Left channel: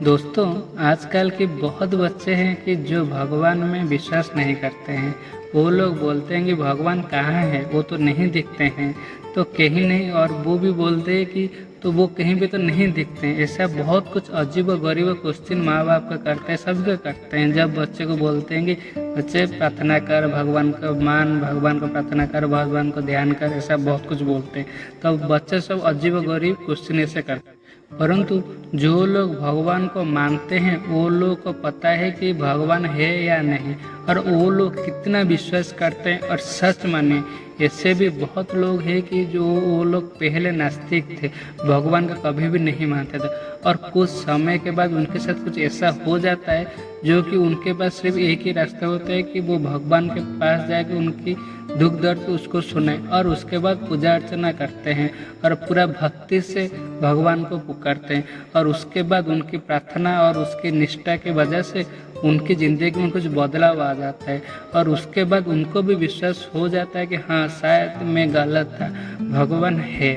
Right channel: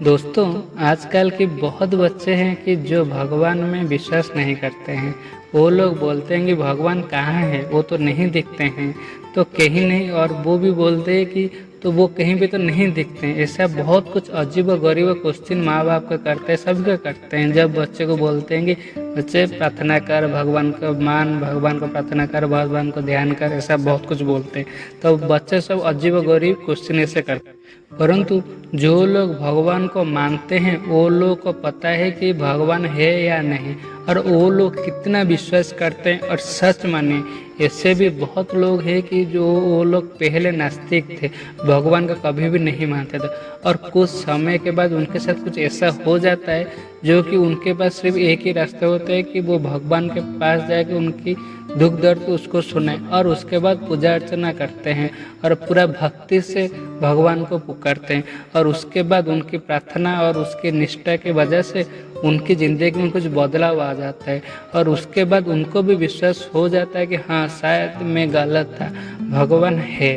दोस्तों, आजकल के बहुत बच्चे हैं कि जो भगवान में विश्वास नहीं करते हैं। वो लोग बोलते हैं कि भगवान कहाँ है, वो तो नहीं दिखते हैं, तो कहीं नहीं। और वो भी बोलते हैं कि तो वो कहीं भी तो नहीं दिखते हैं। ऐसा बहुत कुछ अजीब और गरीब क्वेश्चन माँ बाप का करते हैं, सबका करते हैं। जब बच्चे को बोलते हैं कि बच्चे प्रार्थना कर, भगवान का मान, भगवान को प्रार्थना कर, भगवान को ध्यान कर, ऐसा बहुत कुछ बोलते हैं। तो बच्चे सब अजीब और गरीब क्वेश्चन ऐसे करते हैं। परंतु जो लोग भगवान को मानते हैं वो लोग को पता है कि भगवान है या नहीं, और वो लोग कितना विश्वास करते हैं और सच माने। ऐसे भी बहुत लोग हैं कि जो वो लोग पहले नास्तिक थे, भगवान को कभी भी नहीं मानते थे, और कुछ समय के बाद उनके साथ कुछ ऐसा हो जाता है जो कि उनके पास सिर्फ एक ही रास्ता होता है कि वो भगवान के पास जाके उनकी दुख दर्द उसको सुने, और उसके बाद पूजा अर्चना करते हैं और पूरा भक्ति से भगवान को पुकारते हैं। और उसके बाद उनकी प्रार्थना और उसकी निष्ठा की वजह से उनकी ज़िंदगी में कुछ बदलाव आ जाता है, और उसके बाद उनको भी विश्वास हो जाता है कि हाँ, शायद मैं गलत था, भगवान है।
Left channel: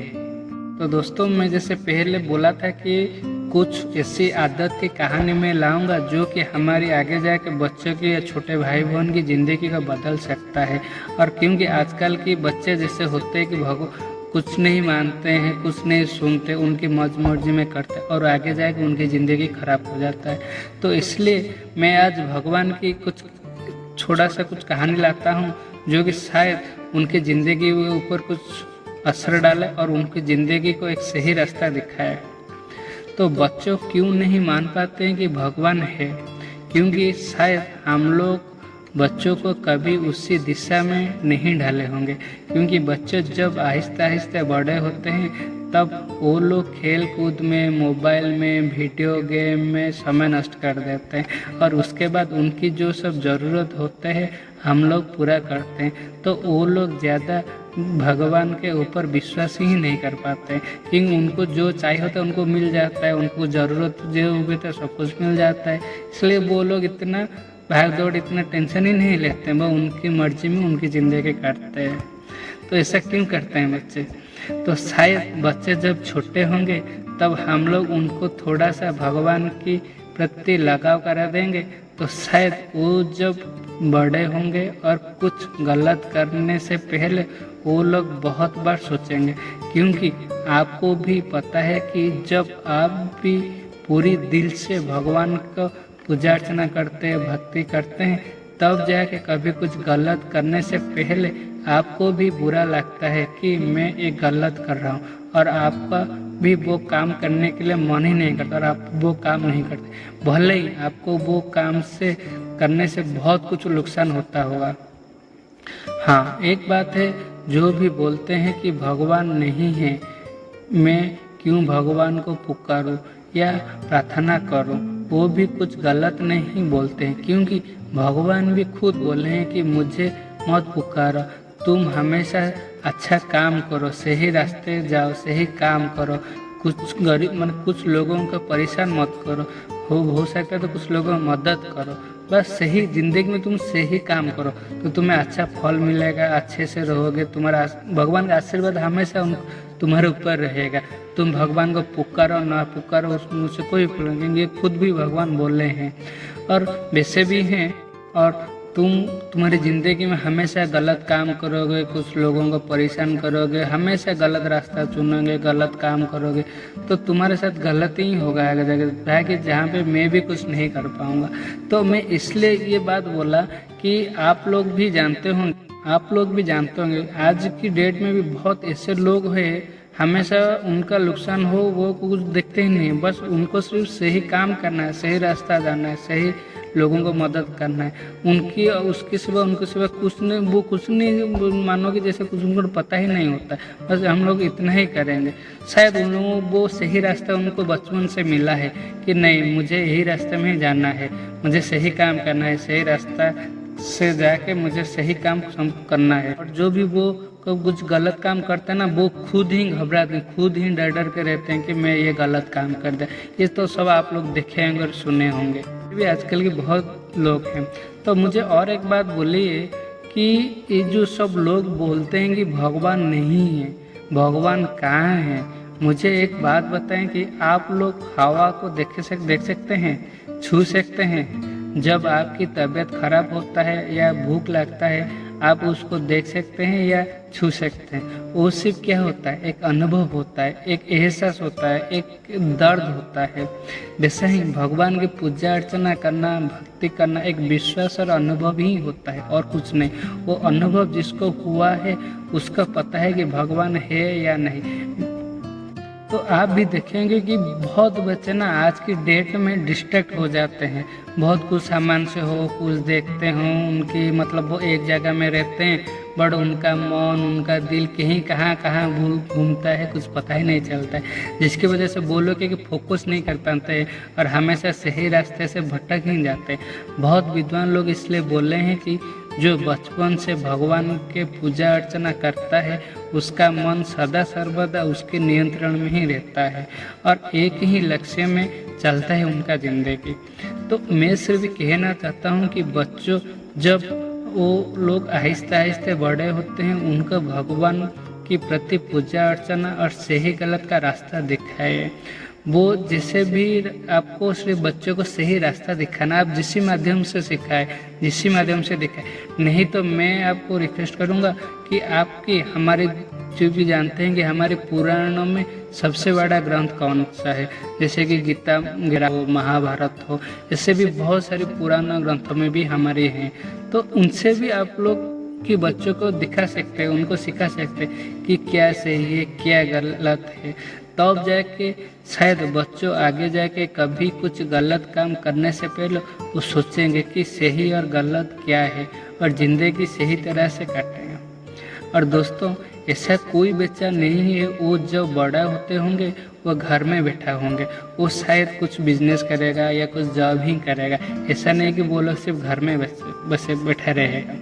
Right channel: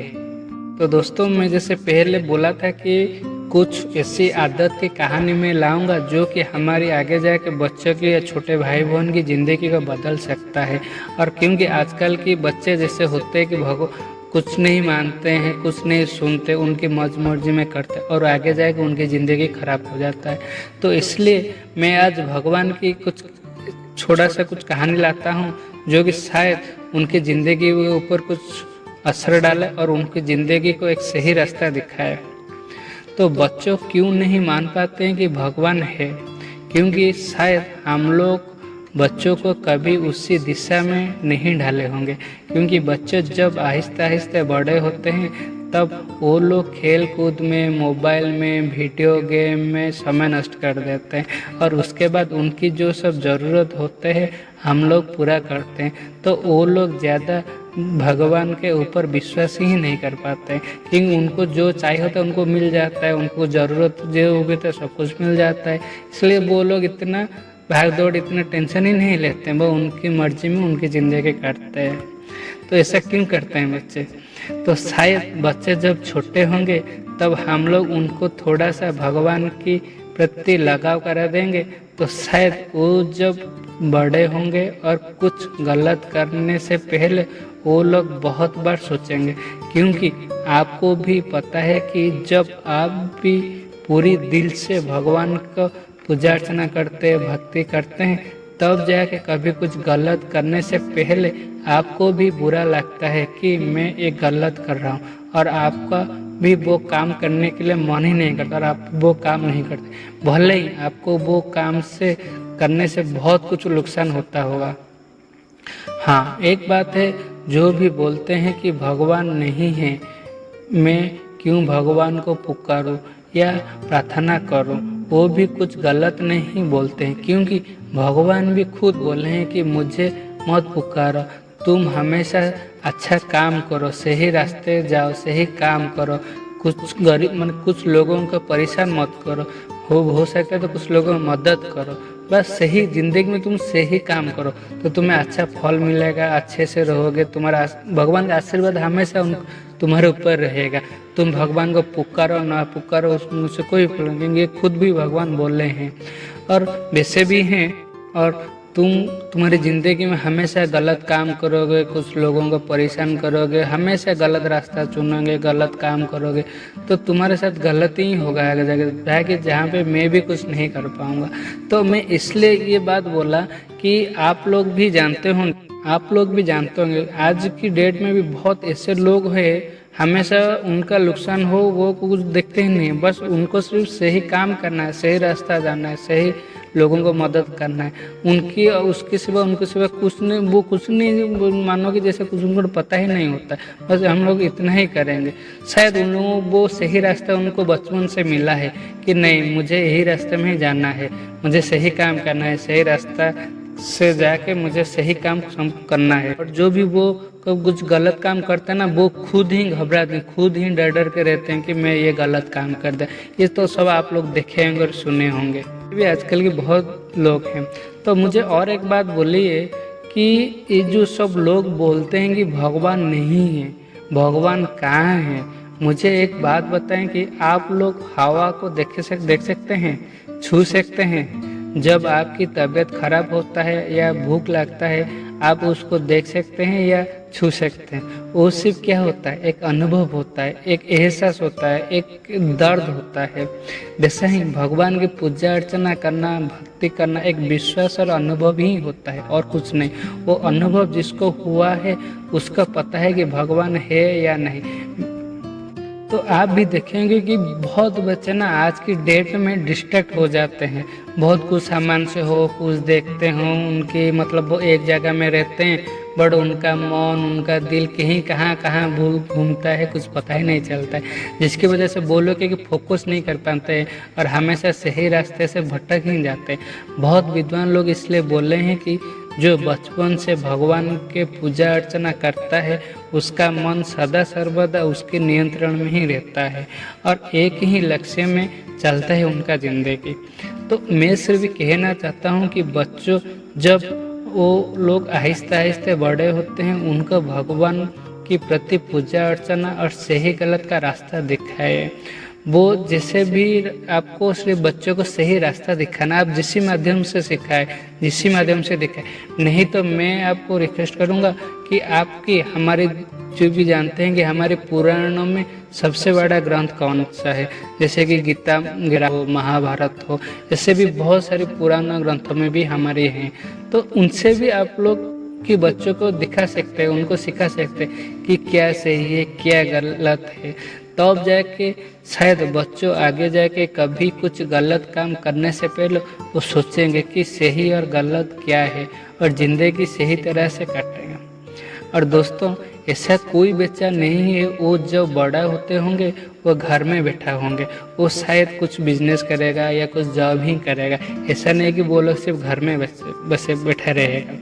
तो दोस्तों, मैं जैसे पहले बोला था कि कुछ ऐसी आदत की कहानी में लाऊंगा जो कि हमारी आगे जाके बच्चों की या छोटे भाई बहन की ज़िंदगी को बदल सकता है। और क्योंकि आजकल के बच्चे जैसे होते हैं कि कुछ नहीं मानते हैं, कुछ नहीं सुनते, उनकी मर्जी में करते, और आगे जाके उनकी ज़िंदगी खराब हो जाता है। तो इसलिए मैं आज भगवान की कुछ छोटा सा कुछ कहानी लाता हूँ जो कि शायद उनकी ज़िंदगी के ऊपर कुछ असर डाले और उनकी ज़िंदगी को एक सही रास्ता दिखाए। तो बच्चों क्यों नहीं मान पाते हैं कि भगवान है? क्योंकि शायद हम लोग बच्चों को कभी उसी दिशा में नहीं ढाले होंगे। क्योंकि बच्चे जब आहिस्ते आहिस्ते बड़े होते हैं तब वो लोग खेल कूद में, मोबाइल में, वीडियो गेम में समय नष्ट कर देते हैं, और उसके बाद उनकी जो सब ज़रूरत होते हैं हम लोग पूरा करते हैं। तो वो लोग ज़्यादा भगवान के ऊपर विश्वास ही नहीं कर पाते, क्योंकि उनको जो चाहिए होता है उनको मिल जाता है, उनको ज़रूरत जो होगी तो सब कुछ मिल जाता है। इसलिए वो लोग इतना भाग दौड़, इतना टेंशन ही नहीं लेते हैं, वो उनकी मर्जी में उनकी ज़िंदगी काटते हैं। तो ऐसा क्यों करते हैं बच्चे? तो शायद बच्चे जब छोटे होंगे तब हम लोग उनको थोड़ा सा भगवान की प्रति लगाव करा देंगे, तो शायद वो जब बड़े होंगे और कुछ गलत करने से पहले वो लोग बहुत बार सोचेंगे। क्योंकि आपको भी पता है कि जब आप भी पूरी दिल से भगवान को पूजा अर्चना करते हैं, भक्ति करते हैं, तब जाके कभी कुछ गलत करने से पहले आपको भी बुरा लगता है कि मैं ये गलत कर रहा हूँ, और आपका भी वो काम करने के लिए मन ही नहीं करता और आप वो काम नहीं करते, भले ही आपको वो काम से करने से बहुत कुछ नुकसान होता होगा। हाँ, एक बात है, जो भी बोलते हैं कि भगवान नहीं है, मैं क्यों भगवान को पुकारूं या प्रार्थना करूं, वो भी कुछ गलत नहीं बोलते हैं। क्योंकि भगवान भी खुद बोले हैं कि मुझे मत पुकारो, तुम हमेशा अच्छा काम करो, सही रास्ते जाओ, सही काम करो, कुछ गरीब कुछ लोगों को परेशान मत करो, हो सके तो कुछ लोगों की मदद करो। बस सही ज़िंदगी में तुम सही काम करो तो तुम्हें अच्छा फल मिलेगा, अच्छे से रहोगे, तुम्हारा भगवान का आशीर्वाद हमेशा तुम्हारे ऊपर रहेगा। तुम भगवान को पुकारो ना पुकारो, उसमें कोई प्रॉब्लम नहीं, ये खुद भी भगवान बोले हैं और वैसे भी हैं। और तुम्हारी ज़िंदगी में हमेशा गलत काम करोगे, कुछ लोगों को परेशान करोगे, हमेशा गलत रास्ता चुनोगे, गलत काम करोगे, तो तुम्हारे साथ गलत ही होगा आगे जाके, कि जहाँ पे मैं भी कुछ नहीं कर पाऊँगा। तो मैं इसलिए ये बात बोला कि आप लोग भी जानते होंगे आज की डेट में भी बहुत ऐसे लोग हैं, हमेशा उनका नुकसान हो वो कुछ देखते ही नहीं, बस उनको सिर्फ सही काम करना है, सही रास्ता जाना है, सही लोगों को मदद करना है। उनके सिवा कुछ नहीं मानो कि जैसे कुछ उनको पता ही नहीं होता, बस हम लोग इतना ही करेंगे। शायद उन लोगों को वो सही रास्ता उनको बचपन से मिला है कि नहीं, मुझे यही रास्ते में ही जाना है, मुझे सही काम करना है, सही रास्ता से जाके मुझे सही काम करना है। और जो भी वो कुछ गलत काम करते हैं ना, वो खुद ही घबराते हैं, खुद ही डर के रहते हैं कि मैं ये गलत काम कर दूं। ये तो सब आप लोग देखे होंगे और सुने होंगे, भी आजकल के बहुत लोग हैं। तो मुझे और एक बात बोलिए कि ये जो सब लोग बोलते हैं कि भगवान नहीं है, भगवान कहाँ है, मुझे एक बात बताएं कि आप लोग हवा को देख सकते हैं, छू सकते हैं? जब आपकी तबीयत खराब होता है या भूख लगता है, आप उसको देख सकते हैं या छू सकते हैं? वो सिर्फ क्या होता है, एक अनुभव होता है, एक एहसास होता है, एक दर्द होता है। वैसे ही भगवान की पूजा अर्चना करना, भक्ति करना एक विश्वास और अनुभव ही होता है और कुछ नहीं। वो अनुभव जिसको हुआ है उसका पता है कि भगवान है या नहीं। तो आप भी देखेंगे कि बहुत बच्चे ना आज की डेट में डिस्ट्रैक्ट हो जाते हैं, बहुत कुछ सामान से हो, कुछ देखते हो, उनके मतलब वो एक जगह में रहते हैं, बट उनका मन, उनका दिल कहीं कहाँ कहाँ घूमता है, कुछ पता ही नहीं चलता है, जिसकी वजह से वो लोग कि फोकस नहीं कर पाते हैं और हमेशा सही रास्ते से भटक ही जाते हैं। बहुत विद्वान लोग इसलिए बोले हैं कि जो बचपन से भगवान के पूजा अर्चना करता है उसका मन सदा सर्वदा उसके नियंत्रण में ही रहता है और एक ही लक्ष्य में चलता है उनका जिंदगी। तो मैं सिर्फ कहना चाहता हूँ कि बच्चों, जब वो लोग आहिस्ते आहिस्ते बड़े होते हैं, उनको भगवान के प्रति पूजा अर्चना और सही गलत का रास्ता दिखाए। वो जैसे भी आपको सिर्फ बच्चों को सही रास्ता दिखाना, आप जिस माध्यम से सिखाए, जिस माध्यम से दिखाए। नहीं तो मैं आपको रिक्वेस्ट करूँगा कि आपकी हमारे जो भी जानते हैं कि हमारे पुराणों में सबसे बड़ा ग्रंथ कौन सा है, जैसे कि गीता हो, महाभारत हो, ऐसे भी बहुत सारे पुराना ग्रंथों में भी हमारे हैं। तो उनसे भी आप लोग कि बच्चों को दिखा सकते हैं, उनको सिखा सकते हैं कि क्या सही है क्या गलत है। तब जाके शायद बच्चों आगे जाके कभी कुछ गलत काम करने से पहले वो सोचेंगे कि सही और गलत क्या है और ज़िंदगी सही तरह से काटेंगे। और दोस्तों, ऐसा कोई बच्चा नहीं है वो जब बड़ा होते होंगे वो घर में बैठा होंगे, वो शायद कुछ बिजनेस करेगा या कुछ जॉब ही करेगा। ऐसा नहीं कि वो लोग सिर्फ घर में बस बैठा रहेगा।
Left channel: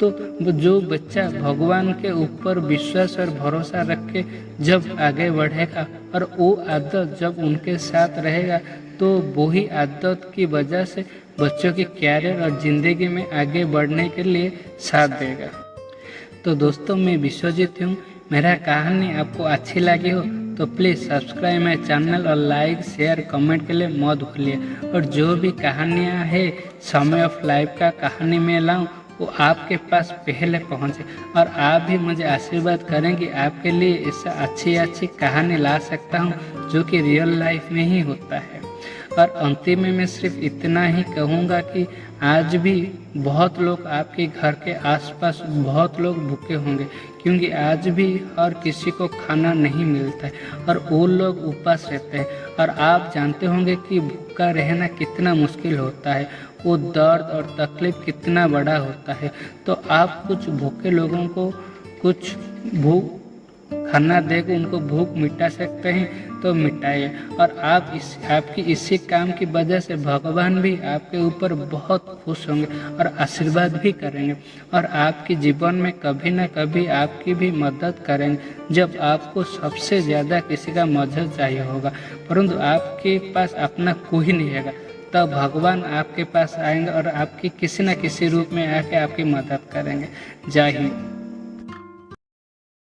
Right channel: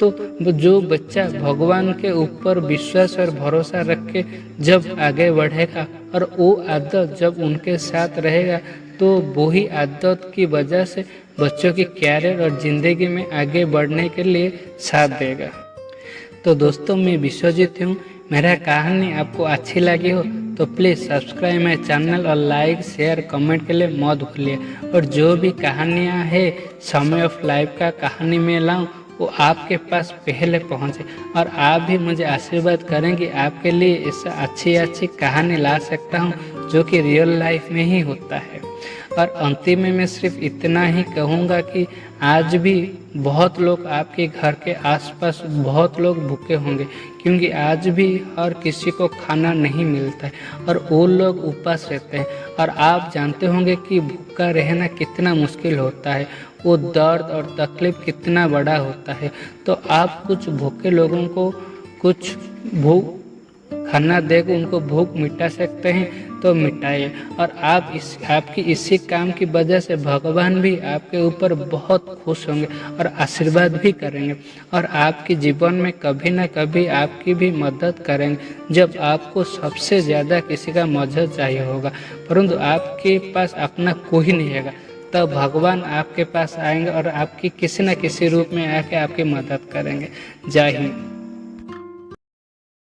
तो जो बच्चा भगवान के ऊपर विश्वास और भरोसा रख के जब आगे बढ़ेगा और वो आदत जब उनके साथ रहेगा, तो वही आदत की वजह से बच्चों की कैरियर और ज़िंदगी में आगे बढ़ने के लिए साथ देगा। तो दोस्तों, मैं विश्वजीत हूँ। मेरा कहानी आपको अच्छी लगी हो तो प्लीज़ सब्सक्राइब मेरे चैनल और लाइक शेयर कमेंट के लिए मत भूलिए। और जो भी कहानियाँ है समय ऑफ लाइफ का कहानी में लाऊं वो आपके पास पहले पहुँचे और आप भी मुझे आशीर्वाद करें कि आपके लिए ऐसा अच्छी कहानी ला सकता हूँ जो कि रियल लाइफ में ही होता है। और अंतिम में मैं सिर्फ इतना ही कहूँगा कि आज भी बहुत लोग आपके घर के आसपास बहुत लोग भूखे होंगे, क्योंकि आज भी हर किसी को खाना नहीं मिलता है और वो लोग उपवास रहते हैं। और आप जानते होंगे कि भूखा रहना कितना मुश्किल होता है, वो दर्द और तकलीफ कितना बड़ा होता है। तो आप कुछ भूखे लोगों को कुछ भूख खाना देकर उनको भूख मिटा सकते हैं तो मिटाइए। और आपकी इसी काम की वजह से भगवान भी आपके ऊपर बहुत खुश होंगे और आशीर्वाद भी करेंगे और आपके जीवन में कभी ना कभी आपकी भी मदद करेंगे जब आपको सबसे ज़्यादा किसी का मदद चाहिए होगा, परंतु आपके पास अपना कोई नहीं रहेगा। तब भगवान आपके पास आएंगे और आपकी किसी न किसी रूप में आके आपकी मदद करेंगे। जय हिंद।